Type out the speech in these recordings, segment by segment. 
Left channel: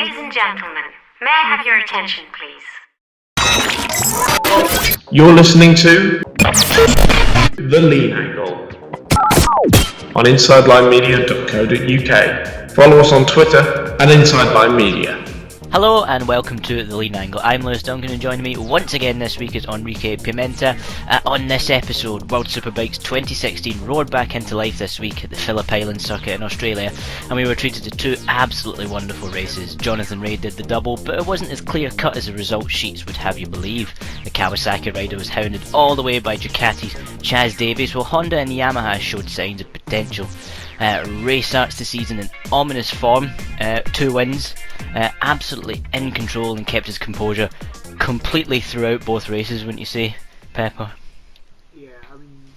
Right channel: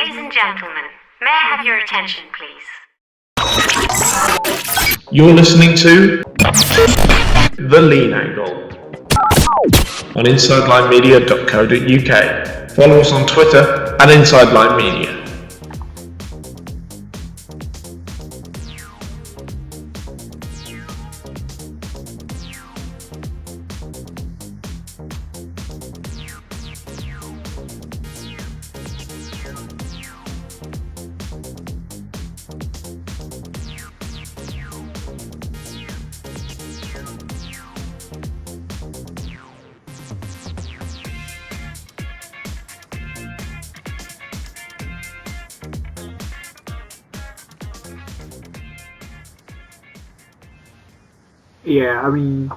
Ladies and gentlemen, may I have your attention, please? You're listening to The Lean Angle on InsideLineMedia.co.uk. Follow us on Twitter at InsideLineMedia. Hello and welcome to The Lean Angle. I'm Lewis Duncan and joining me once again this week is Enrique Pimenta. On this episode, World Superbike's 2016 roared back into life this week at the Phillip Island circuit in Australia, and we were treated to two absolutely wonderful races. Jonathan Rea did the double, but it wasn't as clear cut as the result sheets would have you believe. The Kawasaki rider was hounded all the way by Ducati's Chaz Davies, while Honda and Yamaha showed signs of potential. Rea starts the season in ominous form, 2 wins, absolutely in control and kept his composure completely throughout both races, wouldn't you say, Pepper? Yeah, I mean,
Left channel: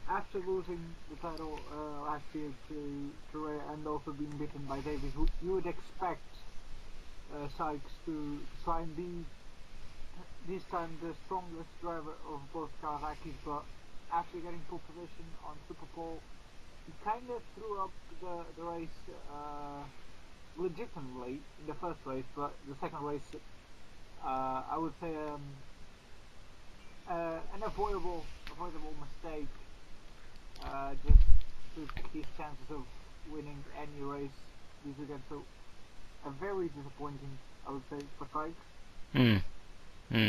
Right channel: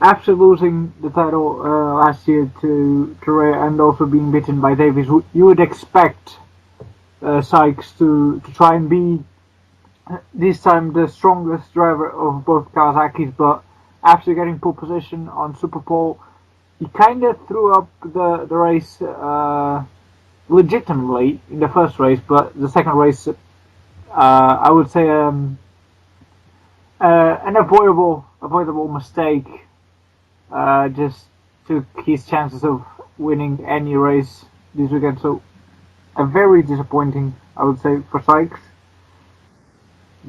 after losing the title last year to Rea and also being beaten by Davies, you would expect Sykes to try and be this time the strongest driver of both Kawasaki's, but after getting pole position on Super Pole, he kind of threw up the race legitimately in the first race, but the second race, I would say an avoidable mistake. Just took his chances of winning any race this weekend. So, a very disappointing, I would say, for Sykes.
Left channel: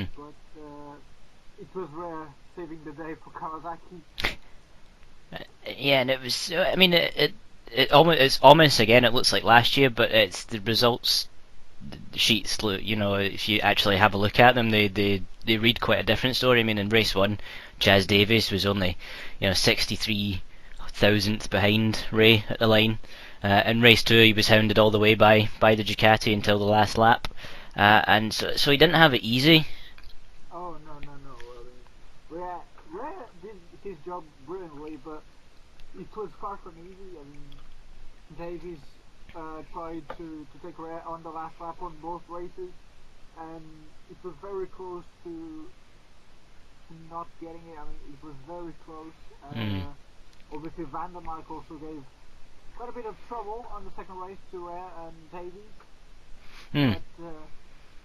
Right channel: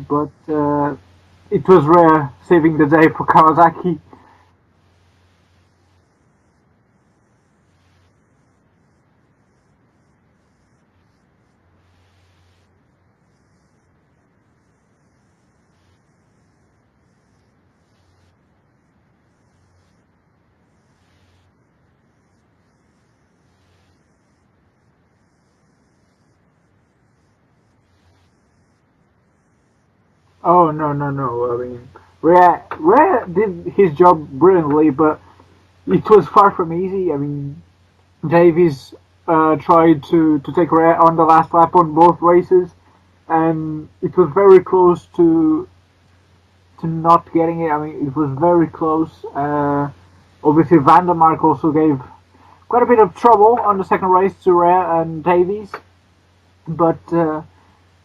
But it was Rea saving the day for Kawasaki. Yeah, and it was. I mean, it's ominous again. It looks like last year, but it's the results sheets. You know, if you actually have a look at them, they read quite a different story. I mean, in race 1, Chaz Davies was only 63 thousandth behind Rea at the line. In race 2, he was hounded all the way by the Ducati until the last lap, and so he didn't have it easy. Oh no! I mean, Rea did his job brilliantly, but it was far from easy. I mean, Davies tried to take Rea on the last lap on both races, and it was very close to not getting it. I mean, it was very close. Obviously, Van der Mark also gave quite a bit of trouble on the second race to Rea and Davies, but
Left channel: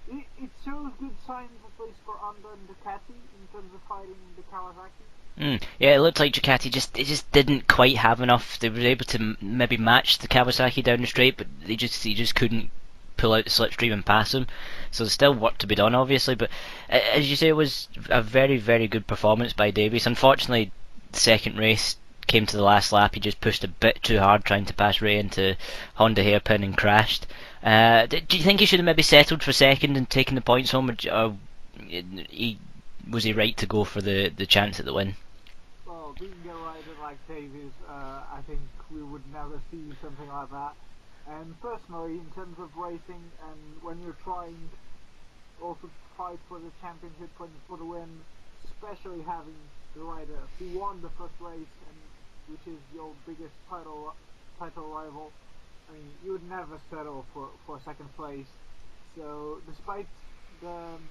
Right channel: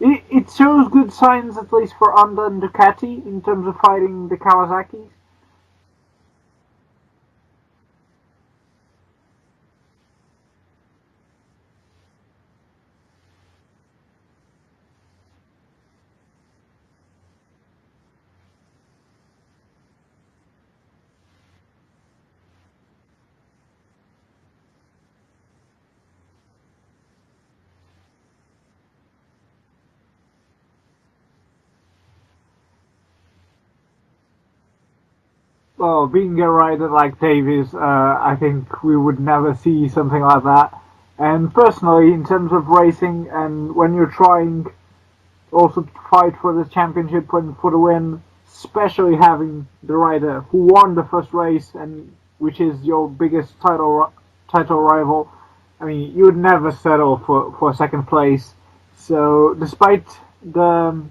it shows good signs, at least for Honda and Ducati, in terms of fighting the Kawasaki. Yeah, it looked like Ducati just didn't quite have enough. They were able to maybe match the Kawasaki down the straight, but he just couldn't pull out the slipstream and pass them. So there's still work to be done, obviously. But as you say, it was a very, very good performance by Davies. Unfortunately, the second race came to the last lap. He just pushed a bit too hard trying to pass Rea into Honda hairpin and crashed. Do you think he should have maybe settled for second and taken the points home, or was he right to go for the chance at the win? Well, being a rider like Davies, I think we would never see something like that. And personally, in terms of racing, and when you're trying also to fight for the championship and for the win, especially having the rider who won the first race and which is your biggest title rival, I mean, you would never settle for second place. So, despite the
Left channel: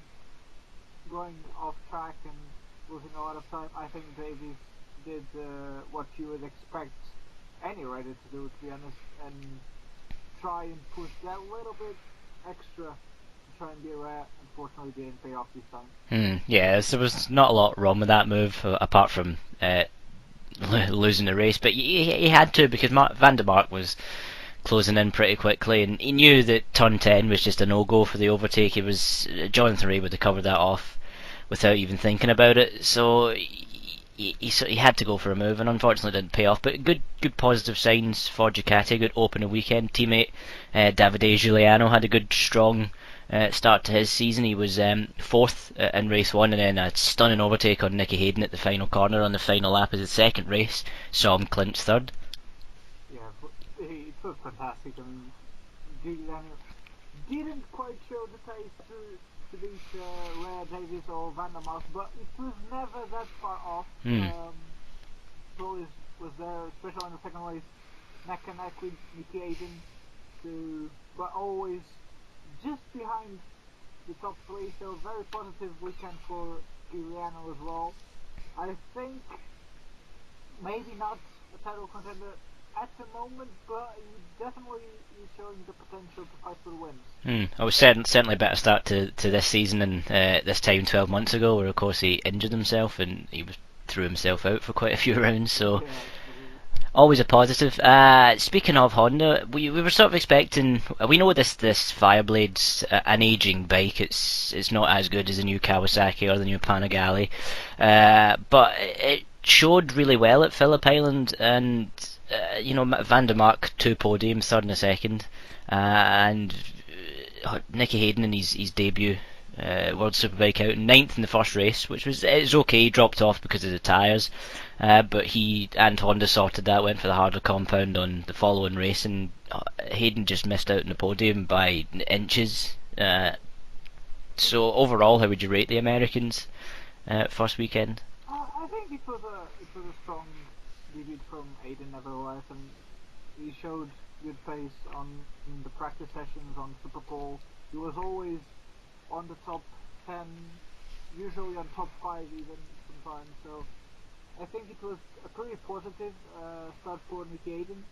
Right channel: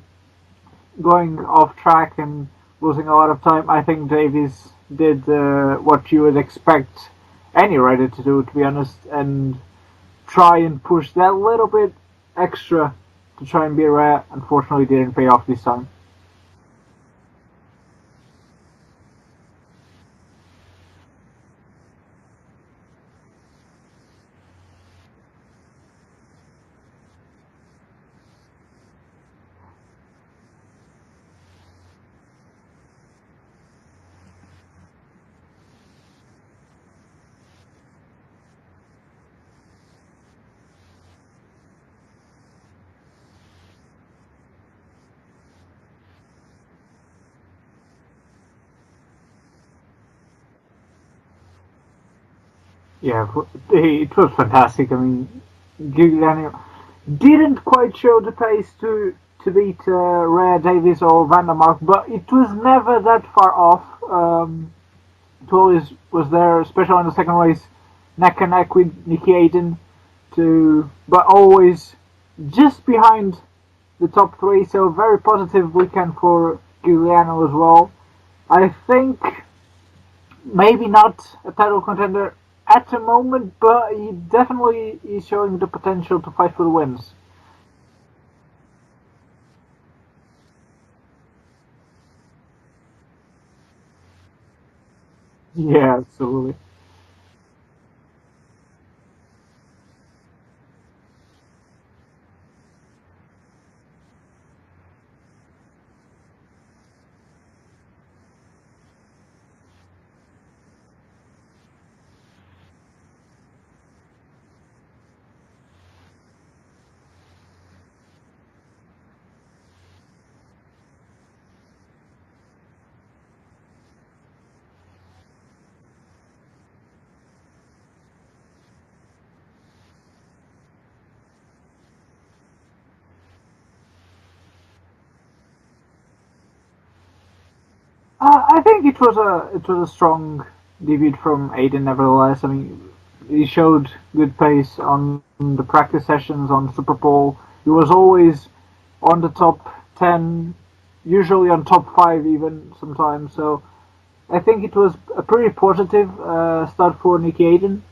going off track and losing a lot of time, I think Davies did what you would expect any rider to do, to be honest, and try and push that little bit extra to try and be Rea. Unfortunately, didn't pay off this time. Yeah, there was not a lot wrong with that move, apart from losing the race, but he had to, because Van der Mark was closing in pretty quickly, and he knew that turn 10 was just a no-go for the overtake. It was Jonathan Rea would have covered that off without even thinking about it, so he had to go for a move, and unfortunately didn't pay off. But good positive signs for Ducati. Good opening weekend. Teammate Davide Giuliano had a good strong start to his season. He was 4th in race 1, and then a stunning overtake on Nicky Hayden at the final corner on the final lap of the second race saw him clinch 3rd. Yeah, it was fantastic. I mean, Giuliano didn't quite show the pace to beat Rea, Davies or Van der Mark, but it was never that far off. It always was there, especially in the second race, neck and neck with Nicky Hayden, but always just behind the top 3. So very positive weekend for Giuliano as well. I think maybe not a title contender at the moment, but he definitely is showing the potential to fight for the wins. I was certainly a better start to this season than this time 12 months ago, where of course he injured himself and threw himself out for quite a few rounds. So Yeah, absolutely. always a positive. Speaking of Honda, we were sort of expecting. We know this Fireblade's an aging bike. It's not as good as the new Kawasaki or the new Panigale, but it showed really well at Phillip Island, and Van der Mark 2 podiums, third and a second, and Nicky Hayden in his debut World Superbike out ninth in the first race, which was okay. He dropped off because of the tyres, but he and Honda sorted that, went for the harder compound on the following race, and Hayden just missed out on the podium by inches. So overall, how would you rate the Americans first weekend? I think it was a strong debut from Aiden. Nevertheless, I mean, he showed good pace on the practice sessions on Super Bowl. He was always on the top 10, usually on top 5 even sometimes. So I think it was a pretty positive start for Nicky Hayden.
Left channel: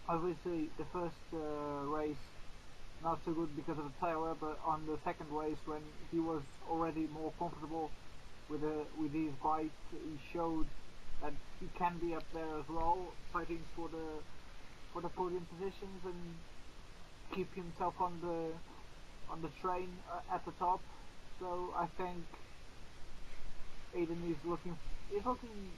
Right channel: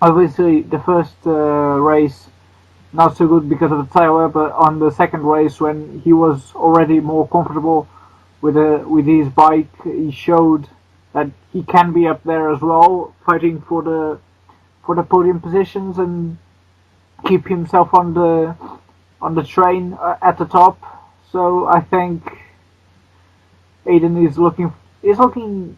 Obviously, the first race not so good because of the tire, but on the second race when he was already more comfortable with his bike, he showed that he can be up there as well, fighting for the podium positions and keep himself on the train at the top. So I think Aiden is looking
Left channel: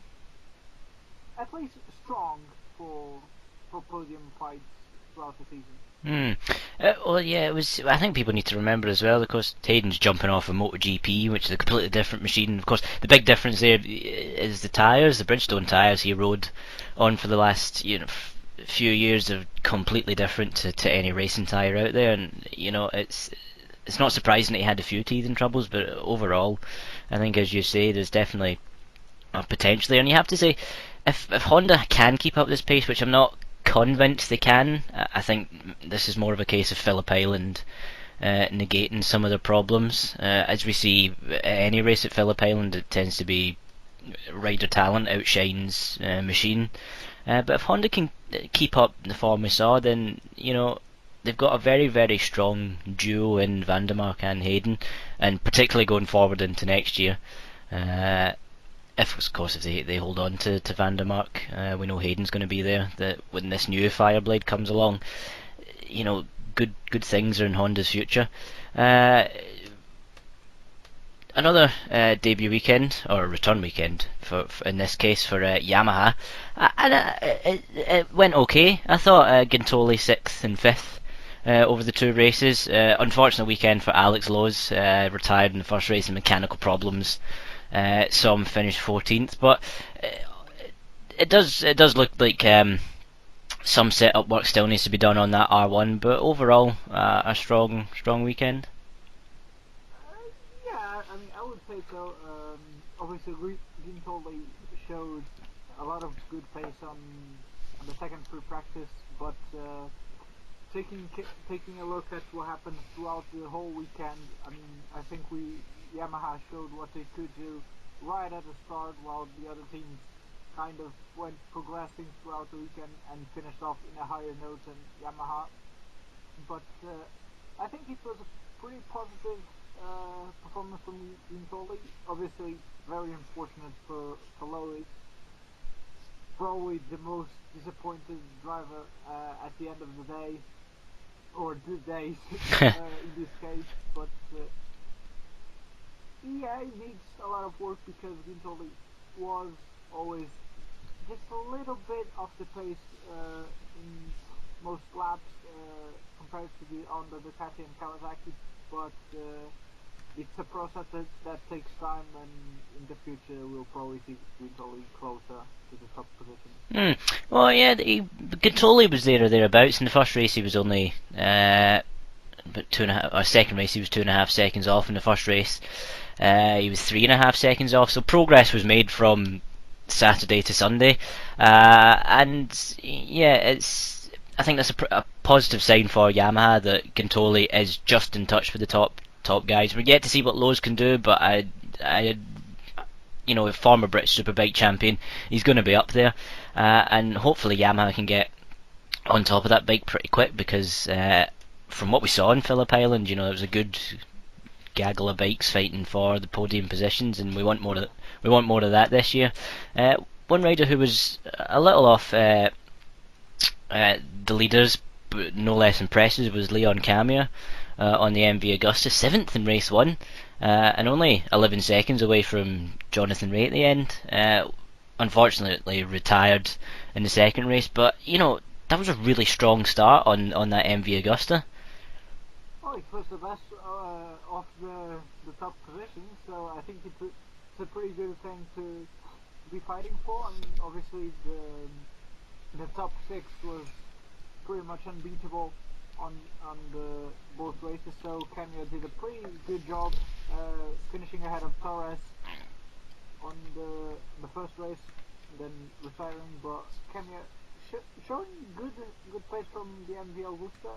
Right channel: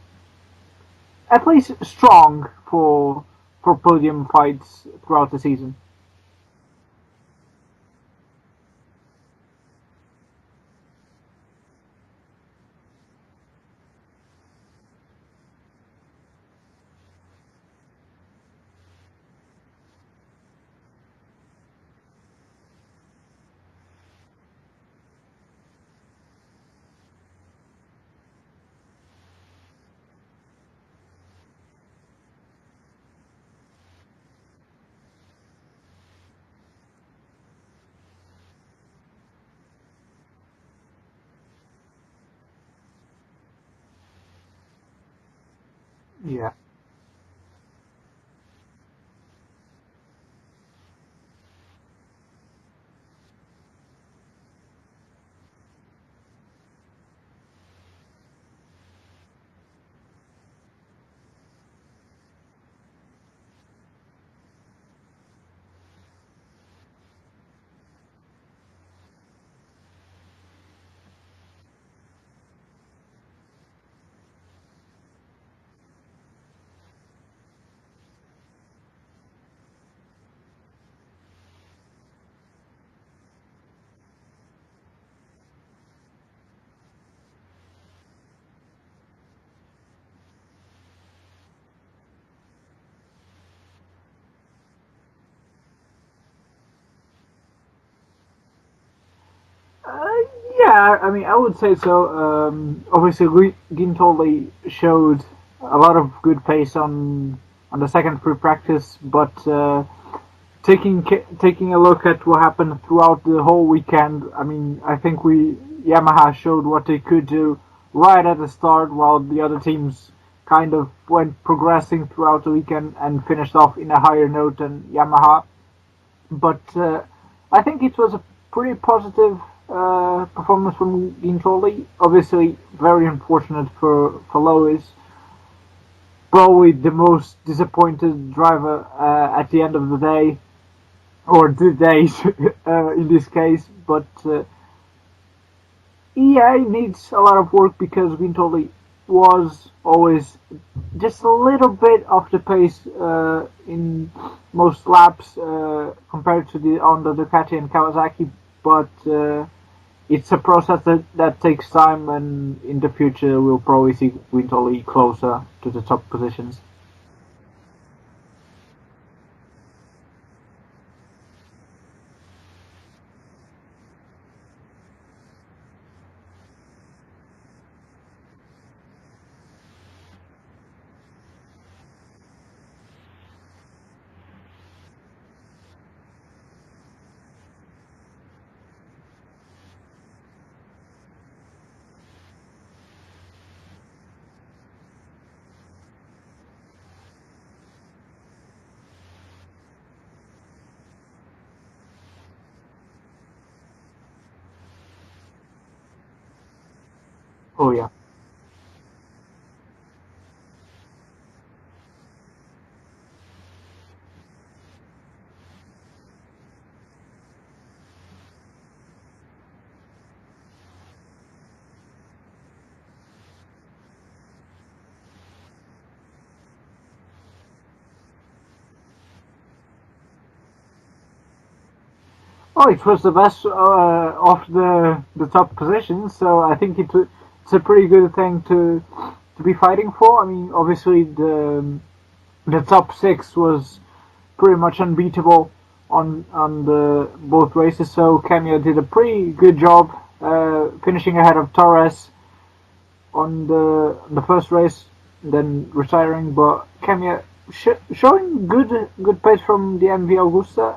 at least strong for podium fights throughout the season. Well, yeah, it was. I think people need to remember as well. Of course, Hayden's jumping off a MotoGP, which is a completely different machine. Of course, the big difference there is the tyres. The Bridgestone tyres he rode on for the last few years are completely different to any racing tyre out there, and it's not surprising that he had a few teething troubles, but overall, I think as you say, there's definitely a potential there. And you have to say, if Honda can keep up this pace, which I'm not convinced they can, I think this is more of a case of Phillip Island negating some of their problems. As we see any race at Phillip Island, it tends to be rider talent outshines machine. But if Honda can keep up the form we saw, then they've got a very, very strong duo in Van der Mark and Hayden, and particularly going forward into next year. Of course, if they hold on to Van der Mark, we know Hayden's going to be there. That when this new Fireblade comes along, good things are in Honda's future. Another debut weekend, or return weekend, for in this case for Yamaha, and it went okay. I thought Gintoli 6th and 5th over the two races. Unfortunate weekend for Alex Lowe's, retired in the first race with mechanical problems. Saw him finish 14th, but it does look like some setup work still needs to be done on that R1. But overall, a strong weekend. Yeah, I mean, I would say so. Obviously, Gintoli showed a lot of good pace on the second free practice, but taking a look at what happened throughout the whole weekend, I mean, I think Yamaha showed what they could do right at the start, while the other teams kind of went progressing throughout the weekend and finished off in a higher note than Yamaha. But I think it was a pretty positive performance from Gintoli. Obviously, very unfortunate for Lois. Probably the most disappointed driver at the end of the day, or the days in this case. But yeah, it needs a lot of work because Gintoli was always just a little bit off the pace in most laps compared to the Ducati and Kawasaki, but it's a process that takes time, and in the future we'll probably see Gintoli closer to the top positions. Well, yeah, Gintoli was there or thereabouts. In the first race he was only but 2.5, or second race he was 2.5 seconds off. In the first race he was 3.5 seconds off, so progress was made from Saturday to Sunday, and yeah, I think that's a positive sign for Yamaha that Gintoli is just in touch with the top guys. We're yet to see what Lowe's can do, but you know, a former British Superbike champion, he's going to be up there, and hopefully Yamaha can get on top of that bike pretty quick, because from what we saw in Phillip Island, you know, there was a good gaggle of bikes fighting for the podium positions, and we want more of that this year. One rider who was a little off the leaders, but no less impressive, was Leon Camier on the MV Augusta, 7th in race 1, and only 11 seconds away from Jonathan Ray at the end. Unfortunately retired in the second race, but you know, that was a really strong start on that MV Augusta. Oh, it was the best of the top positions, so I think it's a pretty good thing to be fighting for. I mean, obviously the top 6 was pretty much unbeatable on the both races, so Camille did a pretty good job finishing ahead of Torres on the first race, then retiring. But Camille showing good pace from the MV Augusta.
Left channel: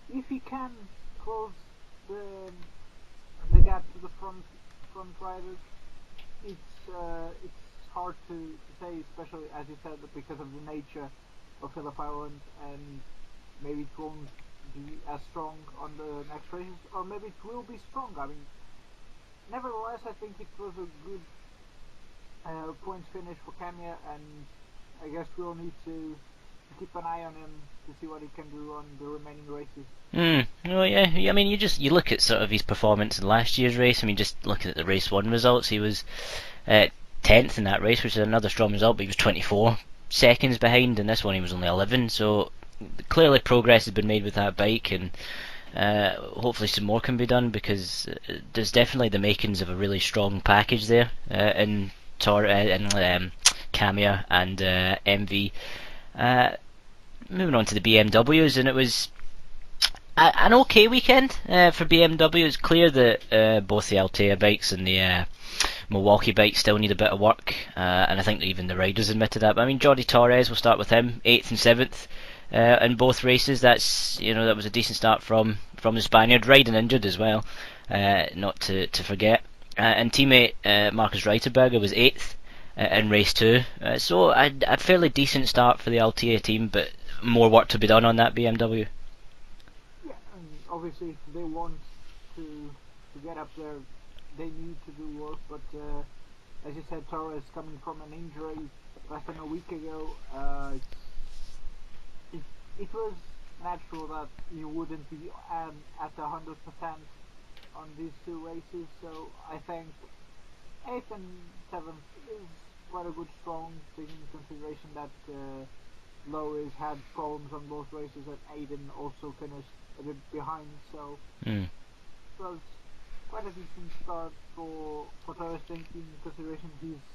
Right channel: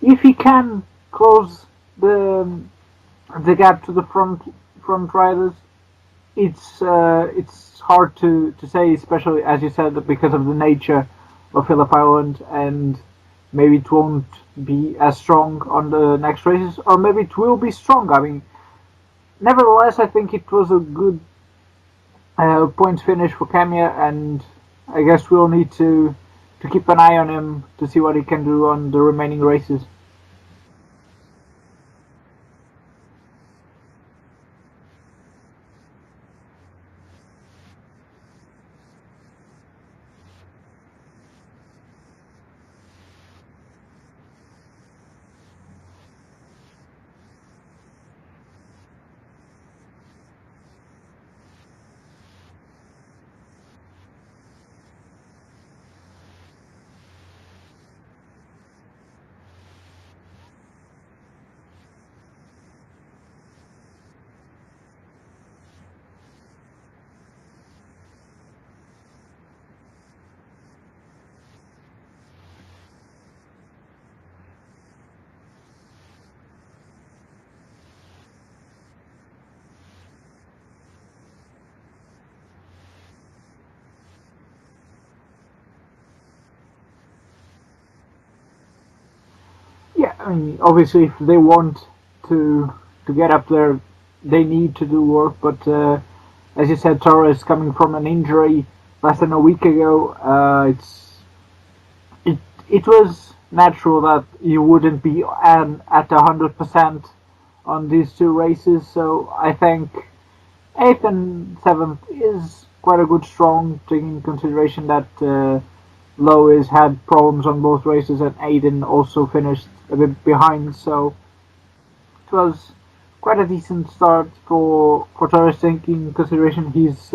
If he can close the gap to the front riders, it's hard to say, especially as you said, because of the nature of Phillip Island, and maybe it won't be as strong on the next races, or maybe it will be strong. I mean, nevertheless, I think it was a good points finish for Camia, and I guess we'll need to keep an eye on him to see what he can do on the remaining races. Well, yeah. I mean, you look at sort of his performance in last year's race. I mean, just looking at the race 1 results, he was 10th in that race, which is another strong result. But he was 24 seconds behind. In this one, he was only 11. So clearly, progress has been made with that bike, and hopefully some more can be done, because there's definitely the makings of a really strong package there in Camia and MV. Moving on to the BMWs, and it was an okay weekend for BMW. It's clear that both the Altea bikes and the Milwaukee bikes still need a bit of work, and I think that even the riders admitted that. But I mean, Jordi Torres, we'll start with him, 8th and 7th in both races. That's, you know, that was a decent start from the Spaniard, riding injured as well, not to forget. And teammate Marcus Reiterberger was 8th in race 2, so a fairly decent start for the Altea team, but more work to be done on that BMW. Yeah, I mean, obviously, if they want to get up there, they need to do work. But as you said, Torres coming from an injury less than a week ago, it was natural that you wouldn't be at 100% on these 2 races. So I think 8th and 7th is quite a good strong, taking into consideration that Lois had problems on both races, and Aiden also finished a bit behind, so it was quite a decent start for Torres, taking into consideration his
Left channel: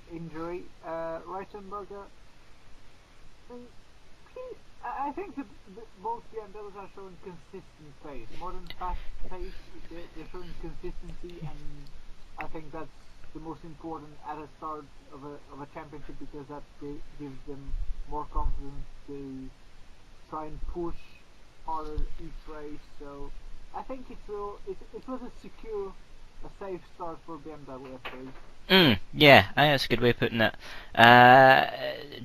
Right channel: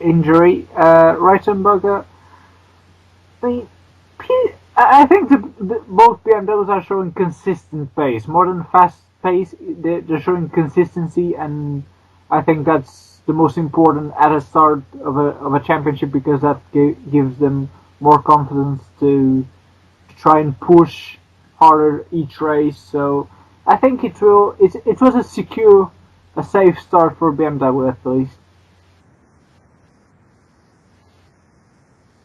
injury. Reitenberger, I think both BMWs are showing consistent pace, more than fast pace. They're showing consistency, and I think that's the most important at a start of a championship, because that gives them more confidence to try and push harder each race. So I think it was a safe start for BMW at least. Yeah, I think that's a good way of putting it.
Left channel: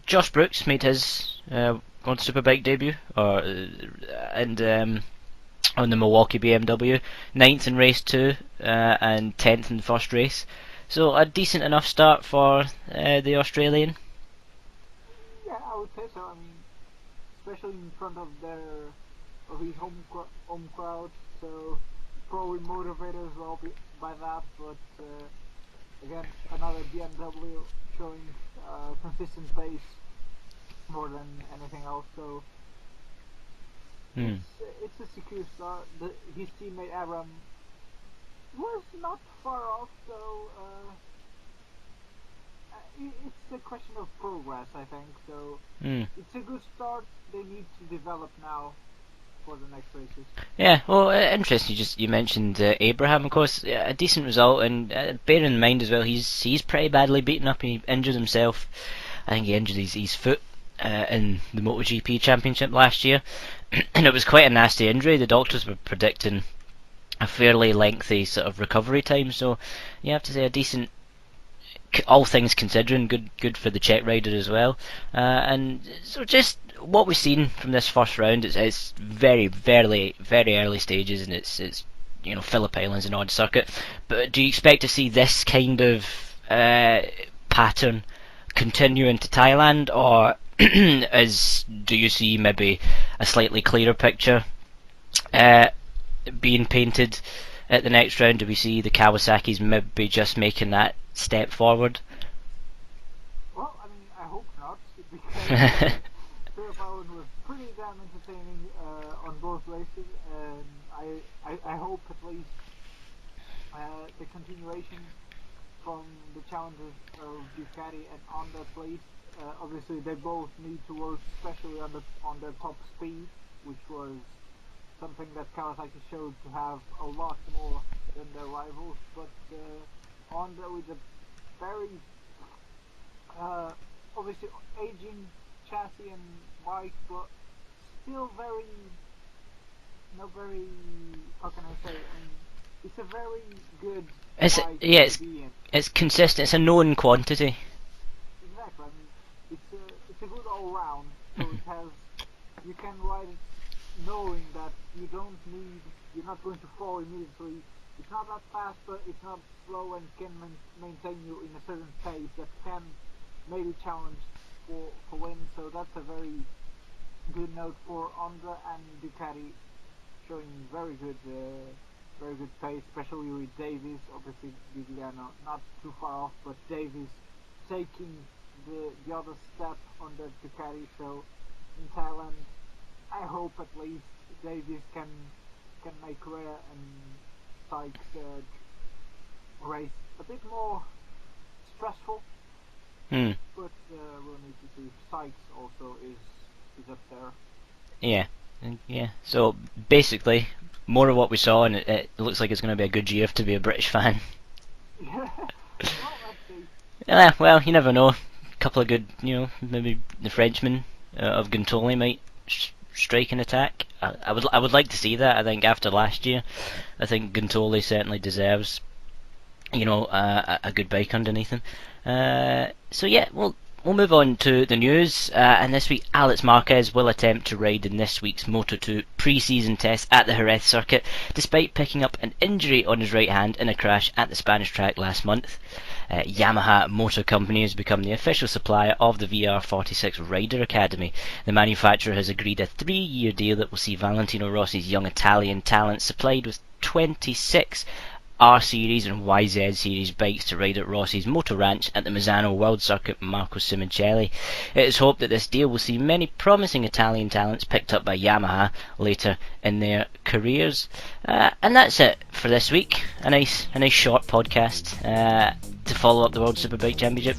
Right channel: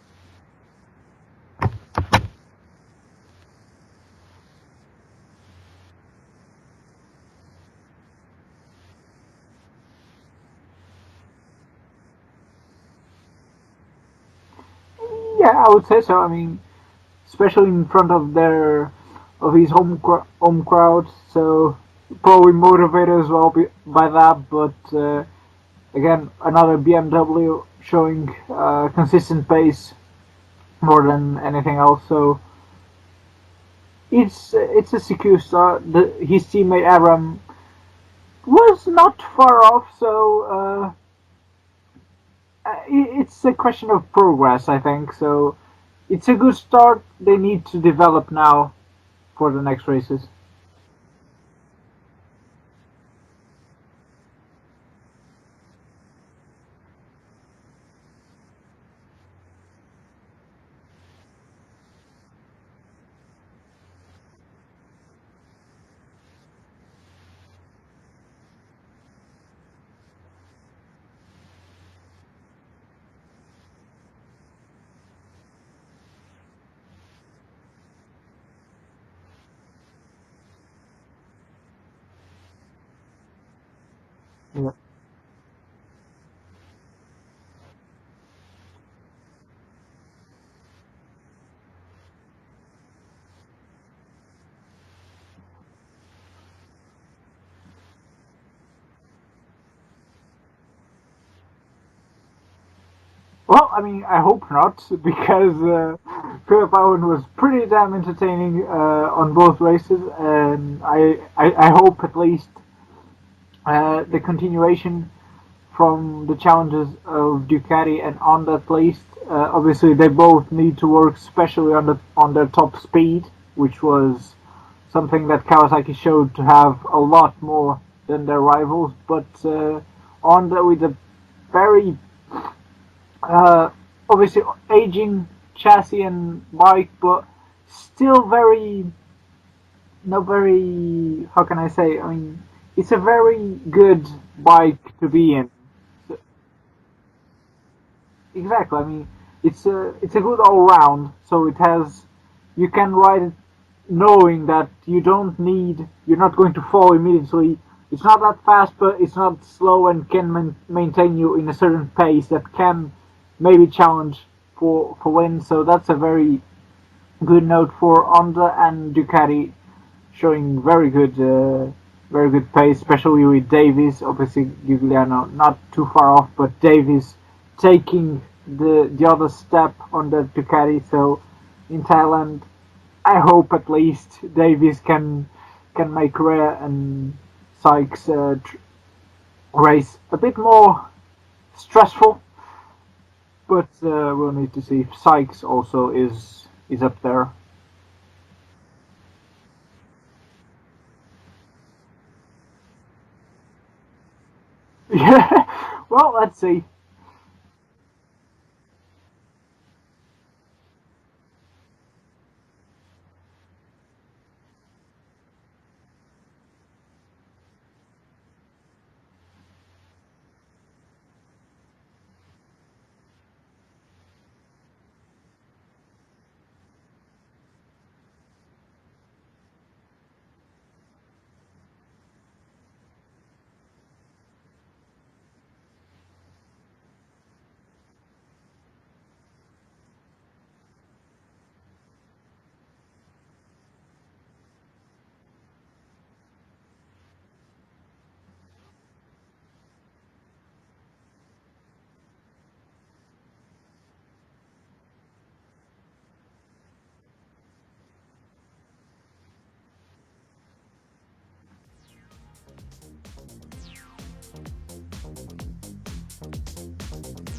Josh Brooks made his World Superbike debut, and on the Milwaukee BMW, 9th in race 2 and 10th in the first race. So a decent enough start for the Australian. Yeah, I would say so. I mean, especially in front of his home crowd, so probably motivated as well by that. But again, another BMW showing consistent pace more than anything else. So it's a secure start. His teammate Aram was not far off, so it's a question of progress, I think. So it's a good start. They need to develop now for the next races. Yeah, well, interesting. You mentioned Abraham, of course, a decent result, and bear in mind as well, he's pretty badly beaten up. He injured himself. I think he injured his foot in the MotoGP Championship last year, and it was quite a nasty injury. The doctors were predicting a fairly lengthy sort of recovery time. So you have to say a decent, all things considering, good for the Czech rider as well. And so just what we've seen from this first round, it's very early stages, and it's Phillip Island's an odd circuit. But do you expect to see this kind of pattern continue into Thailand, or do you see maybe a slightly clearer picture being painted at the next round? Do we see the Kawasaki's maybe just making that step forward? Well, I mean, I hope not, because Phillip Island was pretty damn entertaining on both races, and I hope at least the continuation from the challenges of Ducati and Honda at least. Obviously, they both need to work, especially on their top speed, which was something that Kawasaki showed to have a lot more than their rivals. But Honda with a very obviously aging chassis and bike, but still very, how can I say? I mean, it's a very good bike to be in. It's consistent. It's a known quantity. Exactly. I mean, it's a good all round. So you can ride it knowing that you're not going to fall immediately. It's not that fast, but it's not slow, and can maintain you in a certain pace that can maybe challenge for win. So that's a very good note for Honda, and Ducati showing very good pace, especially with Davies. Obviously, Giuliano not too far off, but Davies taking the other step on the Ducati. So in Thailand, I hope at least Davies can make Rea and Sykes race a bit more stressful. But we'll need to see if Sykes also is up there. Yeah. So basically, more of what we saw, and it looks like it's going to be a good year to be a British fan. Yeah. Well, let's see. Yeah. Well, you never know. A couple of good, maybe the Frenchman of Gintoli might strike an attack. I would like to see that. I think after last year, I think Gintoli certainly deserves, a good bike underneath him. So yeah, we'll move on to the news. And this week, Alex Marquez will attempt to ride in this week's Moto2 pre-season test at the Jerez circuit, despite picking up an injury on his right hand in a crash at the Spanish track last month. Yamaha Motor Company has become the official supplier of the VR46 Rider Academy. The manufacturer has agreed a 3-year deal that will see Valentino Rossi's young Italian talent supplied with 26 R Series and YZ Series bikes to ride at Rossi's Moto Ranch at the Misano World Circuit Marco Simoncelli. It is hoped that this deal will see many promising Italian talents picked up by Yamaha later in their careers. And that's it for this week. A nice short podcast to follow up the World Superbike Championship.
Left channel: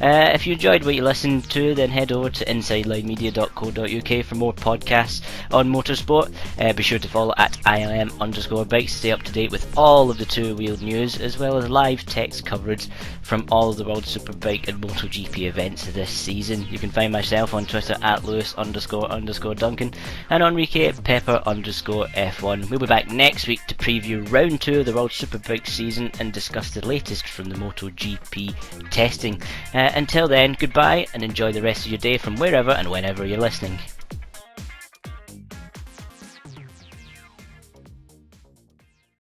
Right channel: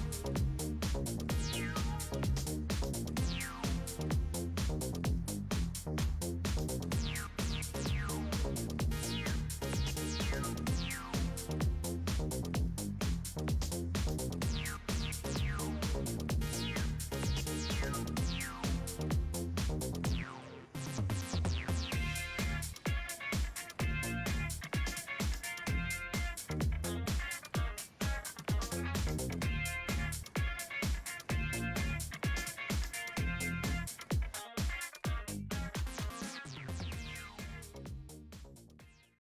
If you enjoyed what you listened to, then head over to insidelinemedia.co.uk for more podcasts on motorsport. Be sure to follow at ILM_bikes to stay up to date with all of the two-wheeled news, as well as live text coverage from all of the World Superbike and MotoGP events this season. You can find myself on Twitter at Lewis__Duncan and Enrique Pepper_F1. We'll be back next week to preview round 2 of the World Superbike season and discuss the latest from the MotoGP testing. Until then, goodbye and enjoy the rest of your day from wherever and whenever you're listening.